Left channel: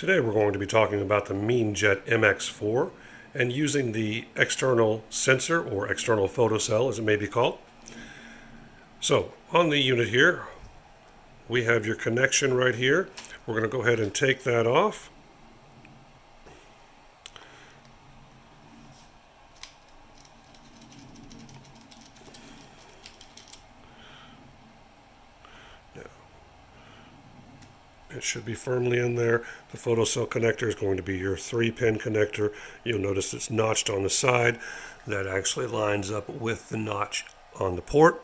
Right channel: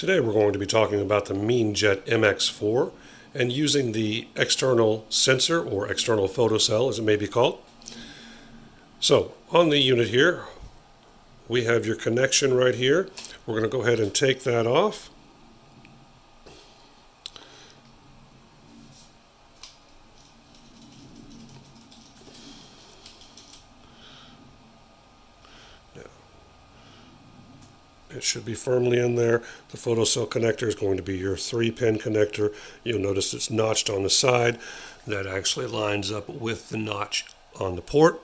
Today we're going to be talking about the Meenjet MX4 and using the external sensor or external photocell as it may be called. So on the unit here we have your connection right here. We're going to go ahead and take that off. It should be firmly in there. The photocell connector is going to be your 3-pin connector. You'll notice it's notched on the side. That actually lines up with the notch on the port.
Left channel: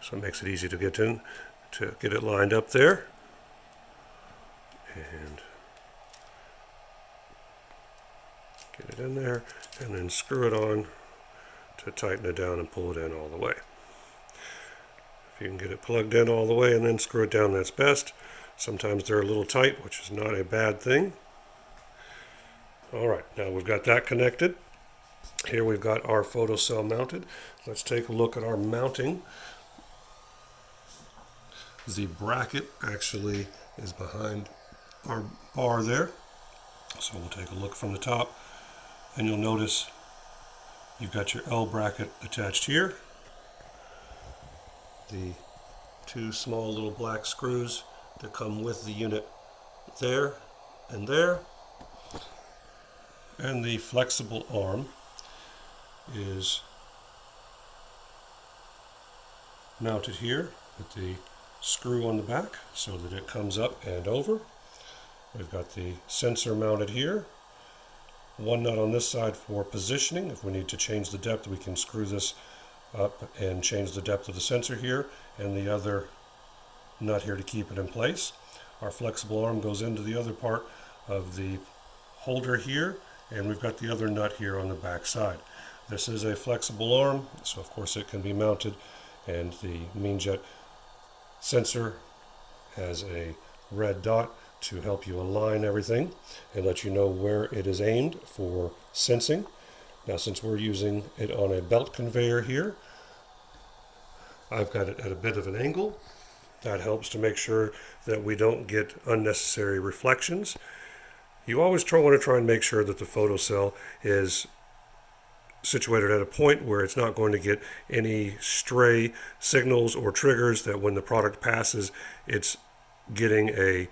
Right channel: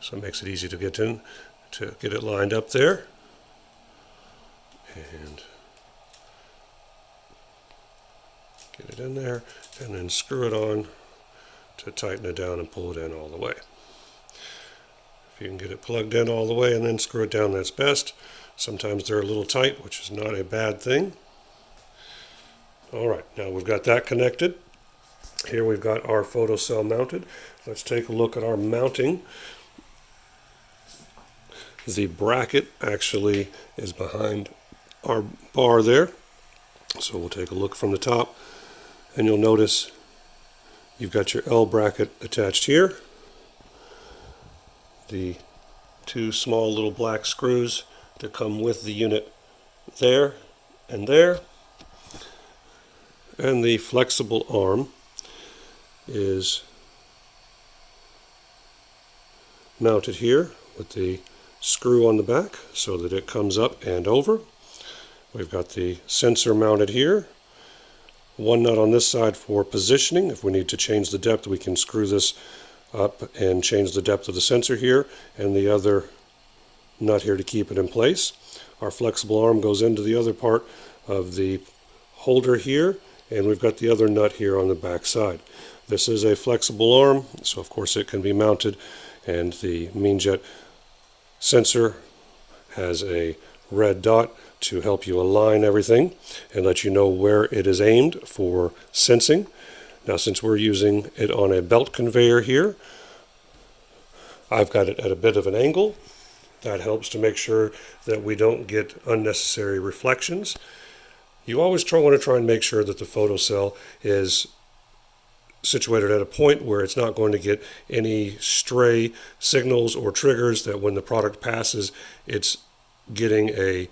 So it makes it easy to get it lined up there. And get it in there and then screw it on to tighten it down and pull it in all the way. If you can get it plugged in all the way and then screw it down, that's best. Sometimes they're a little tight, which is not a bad thing. Alright, now we've got that connected. Here we've got our photocell mounted. Let's take a look at our mounting. The bracket actually is behind our bar there. So we'll take a look from the top and you'll notice you've got your L bracket attached here. The 2 small little black screws that come with the unit there and there. And the flexible arm is mounted here with the screw on the back so that it comes up and over. We've got the sensor mounted here. 1 nut on this side for positioning. If we need to change the depth, we can screw this up and change the depth of the sensor here, and the other nut here to keep it in place. Our flexible arm goes into the other part of the holder here, and we've got the other nut here on the back side. This is a flexible arm, so of course it can be mounted, and the Meenjet sensor has a red dot to help you align everything and let you know where it is aimed for sensing. Now, since we're using it on a belt conveyor here, I've got it at a bit of an angle. That helps to make sure that we don't get unnecessary reflections. You always want to try and make sure that the photocell is situated at a point where it's not going to get any stray signals or triggers that when the product passes, it's getting a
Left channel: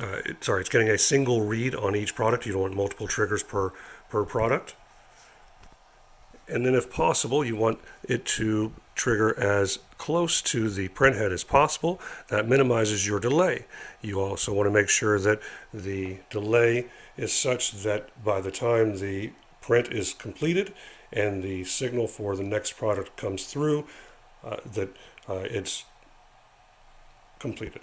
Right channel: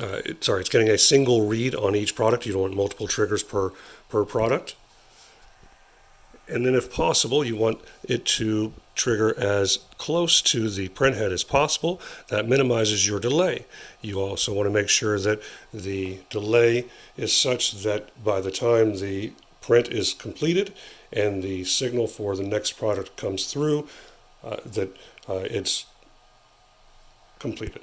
it's getting a single read on each product. You don't want multiple triggers per product. And then if possible, you want it to trigger as close to the printhead as possible. That minimizes your delay. You also want to make sure that the delay is such that by the time the print is completed and the signal for the next product comes through, it's completed.